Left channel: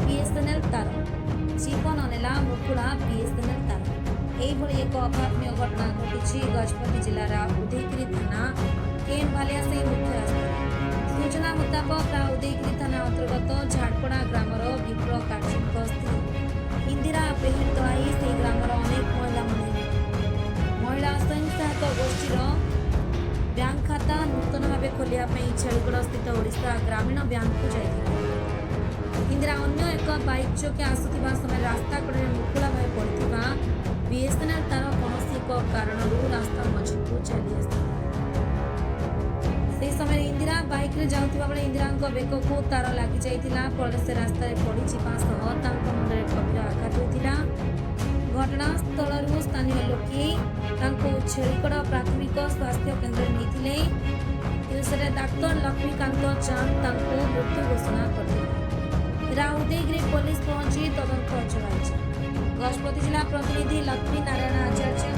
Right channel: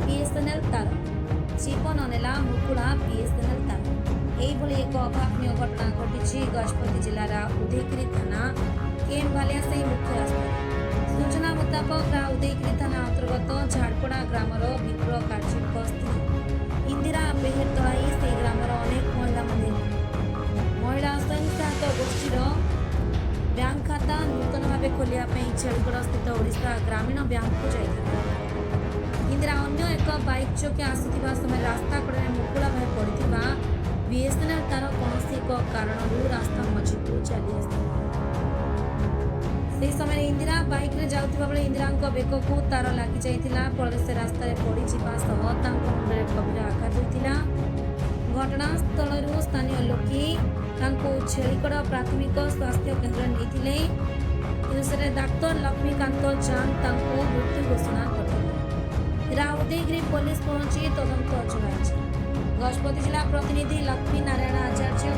BSNL तार जीवन नेला मुकुला बीएसएनएल तार यही एक अभावन घटना घटी गजपति जिलार उदयगिरी थाना केन भालिया से मुख्य रास्ता सूचना मुताबक उदयगिरी थाना अंतर्गत झाड़पड़ा ग्रामर विप्र काजी स्त्री इंदिरा बेहेर तलाई से ग्रामर अनेक महिला स्वयं सहायक गोष्ठीर बैंक खाता नूतन भाव खोलिया छेड़गढ़ स्थित ओडिशा ग्रामीण बैंक को जाइए इंदिरा अन्य एक बाइक चौकी आसुवा समय रास्ता कड़े मुकुला भाई पड़ता बीएसएनएल तार कौन एक कारण रास्ता मझी को चली से समय इंदिरा बाइक रे जाउथिबा बेले इंदिरा बेक को तार लगी जाइथिला फल से रास्ता रे पड़ी जिबा सह तांको मुंडरे गंभीर आघात होइथिला घटनास्थल स्थानीय लोके छेड़गढ़ प्राथमिक स्वास्थ्य केन्द्र नहीं डाक्तर लक्ष्मीकांत चांद मृत्यु घोषणा करते उदयगिरी पुलिस पहुंची तदंत चलाई। गजपति जिला प्रतिनिधि लक्ष्मी नारायण आचार्य